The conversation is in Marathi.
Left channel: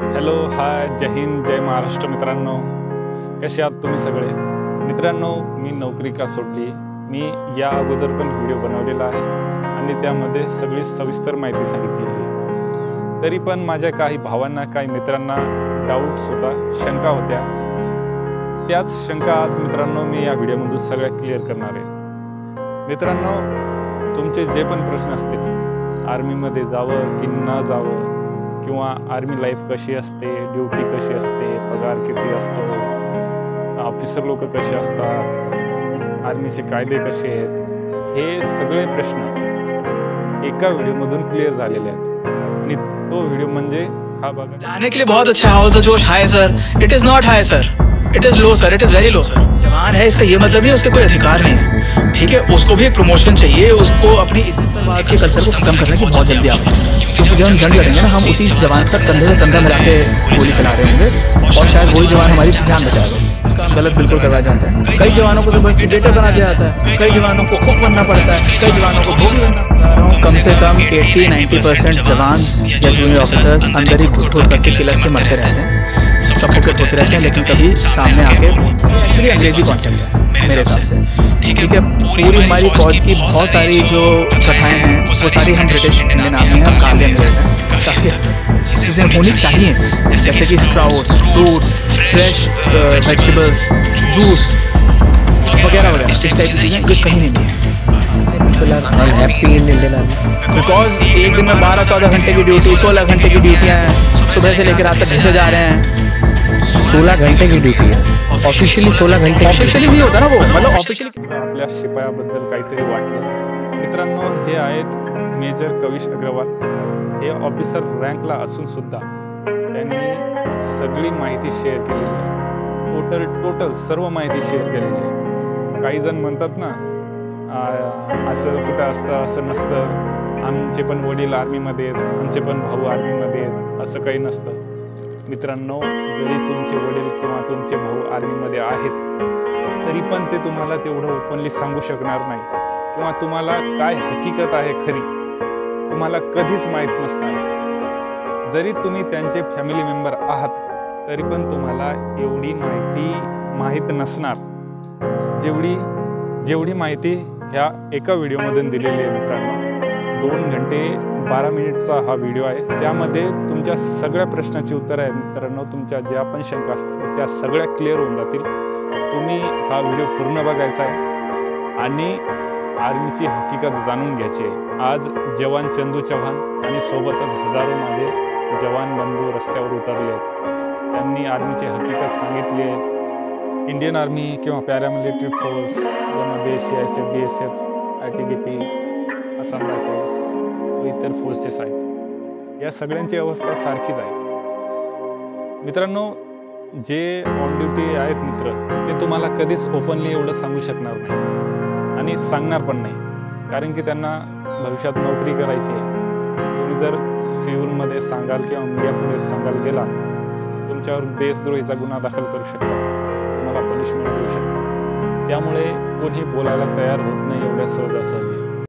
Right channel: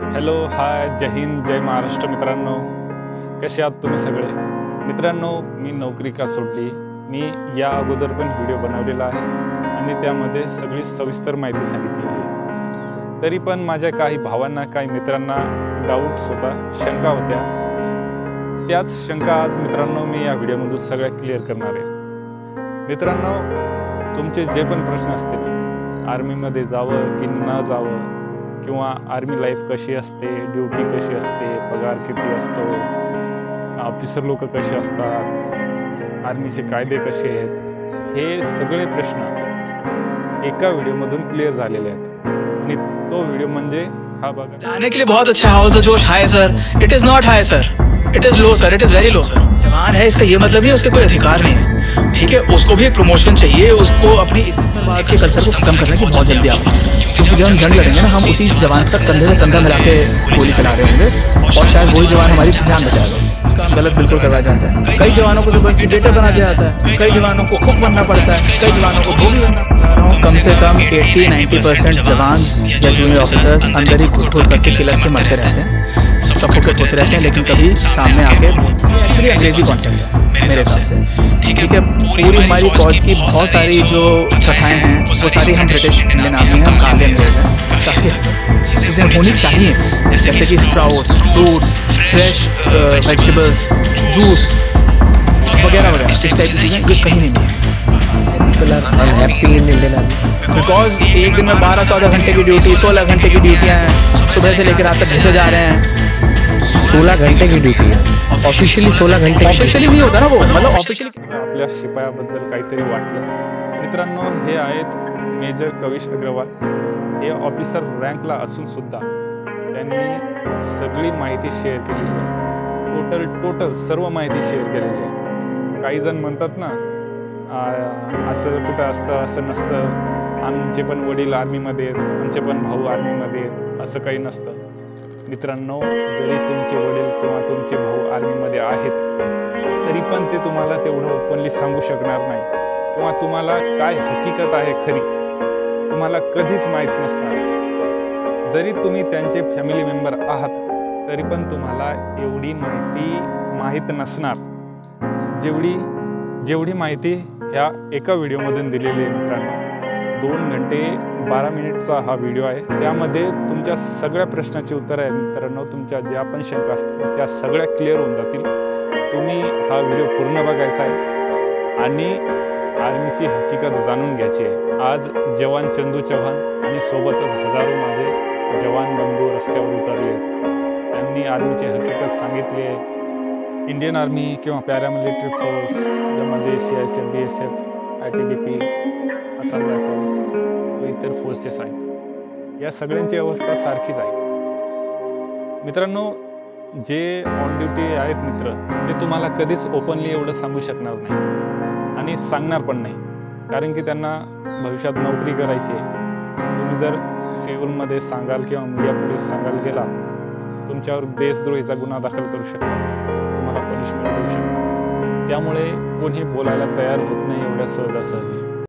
हॅलो, हाय, जय हिंद, जय महाराष्ट्र मित्रांनो. कसे आहात तुम्ही सगळे मित्रांनो? मी नोकरी का सोडली, मी या अगोदर पण व्हिडिओ बनवलेला आहे आणि त्यामध्ये सगळी सविस्तर माहिती सांगितलेली आहे. तरी पण माझ्या काही भावांना, काही मित्रांना डाऊट्स होता, शंका होत्या. त्याच शंका आज मित्रांनो मी या व्हिडिओमधून सगळ्या क्लिअर करणार आहे. मित्रांनो, तुमचे जे पण प्रश्न असतील, आर्मीमध्ये जावं की न जावं, किंवा आर्मी लाईफ कशी असते, ड्युटी कशी असते, पगार किती असतो, ऑफिसर लोक कसे असतात, आर्मीचे कायदे कसे आहेत, हे सगळे प्रश्न एका व्हिडिओमधून क्लिअर झालेले आहेत. आणि तो व्हिडिओ म्हणजे हा बघा. जाने के लिए बहुत अच्छा हौसला जोश high sir. It is not high sir, it is low sir, it is very low sir. जवान है इसका ये मतलब नहीं उसके कोई अधिकार नहीं है, ठीक है. उसको भी एक प्रमोशन चाहिए, उसको अपनी इस्लामाबाद के कल्चर को खत्म करने की बहुत जल्दी आवश्यकता है. क्योंकि जब हम जंग लड़ेंगे ना, हम उसी जवान के साथ कंधे से कंधा मिला के गोली चला रहे होंगे और शायद वही जवान हमारी जान बचाएगा. उसका हम गलत बिल्कुल करवाया जाता है. कई जवानों को जबरदस्ती डेटर बना दिया जाता है, कई जवानों को कुक बनना पड़ता है, कई जवानों को धोबी बनना पड़ता है. कम से कम 80-90% जवान या जूनियर ऑफिसर्स अंदर ही घुट घुट करके किलस के मरते रहते हैं, सफोकेट होते रहते हैं, लेकिन कभी सामने आके एक्चुअली अंग्रेजी कॉन्सेप्ट है मेरे हिसाब से, ठीक है. पूरी हमारी फौज की बहुत सारी जो कथाएं हैं वो सारी हम ब्रिटिश इंडियन आर्मी हैं, हम काले अंग्रेज हैं. काफ़ी चीज़ें होनी चाहिए, जैसे कि sprouts, fruits, fresh vegetables, juice वगैरह वगैरह. इस टाइप की चीज़ें ये कहीं नहीं है. बिकॉज एक दिन में 12-14 घंटे की ड्यूटी, 16 घंटे की ड्यूटियाँ हैं, सुबह से लेकर रात तक घिसे जा रहे हैं. 16 घंटे की ड्यूटी है. ऑफिशियली 16 घंटे. ऑफिशियली नहीं होता ना वो, मतलब ऑफिशियली. आपल्या शिपायाबद्दल काहीतरी वाटलं. मित्रांनो, हे आहेत मेजर कविश अग्रवाल. हे ऑफिसर रँकला असून सुद्धा त्यांनी सगळी माहिती शेअर केलेली आहे. टोटल सर्व माहिती शेअर केलेली आहे. काही जण म्हणतात ना, असं कुठं असतं, असं नसतं, आमचे पण वडील आर्मीमध्ये आहेत, आमचे पण भाऊ आर्मीमध्ये आहेत, असं काही नसतं. मित्रांनो, जरी तुमचे वडील किंवा तुमचे भाऊ आर्मीमध्ये आहेत तरी पण ते तुम्हाला तेवढं ओपनली सांगू शकणार नाही, किंवा तुम्हाला काय हकीकत आहे खरी तुम्हाला कधीच माहीत नसणार. जरी तुम्ही त्यांचे फॅमिली मेंबर आहात तरी पण तुम्हाला एवढी माहिती माहीत नसणार जेवढी माहिती ह्या एका व्हिडिओमधून दिलेली आहे. मित्रांनो, 2 घंटे 12 मिनिटचा हा व्हिडिओ आहे. त्यामध्ये तुमच्या सगळ्या प्रश्नाची उत्तरं आहेत. मित्रांनो, तुमच्या ज्या पण शंका असतील त्या सगळ्या क्लिअर होऊन जातील. तुम्ही हा व्हिडिओ पूर्ण बघायचा आहे आणि आर्मीची हकीकत जाणून घ्यायची आहे. आज जवान चंदू चव्हाण आणि सोबतच हजारो माझे जवान बंधू रस्त्यावर उतरले आहेत. त्यांनी आर्मीची हकीकत सांगितली आहे. इंडियन आर्मी किंवा पॅरामिलिटरी फोर्स, ज्यामध्ये CISF, BSF, ITBP, Assam rifles व इतर फोर्सेस आहेत, या सगळ्यांची अवस्था सारखीच आहे. मित्रांनो, जे ऑन ड्युटी आहेत मित्र, ते तुम्हाला कधीच ओपनली एवढं सांगू शकणार नाही आणि सांगणार पण नाही, कारण की त्यांना भविष्यात नोकरी करायची आहे. तुम्ही जर सिव्हिलमध्ये सांगाल किंवा मीडियापुढे सांगायला गेलात, तुमच्यावर देशद्रोहीचा गुन्हा दाखल करू शकतात, तुम्हाला पनिशमेंट देऊ शकतात. त्यामुळे कोणी बोलायला तयार होत नाही एवढ्या सहजासहजी.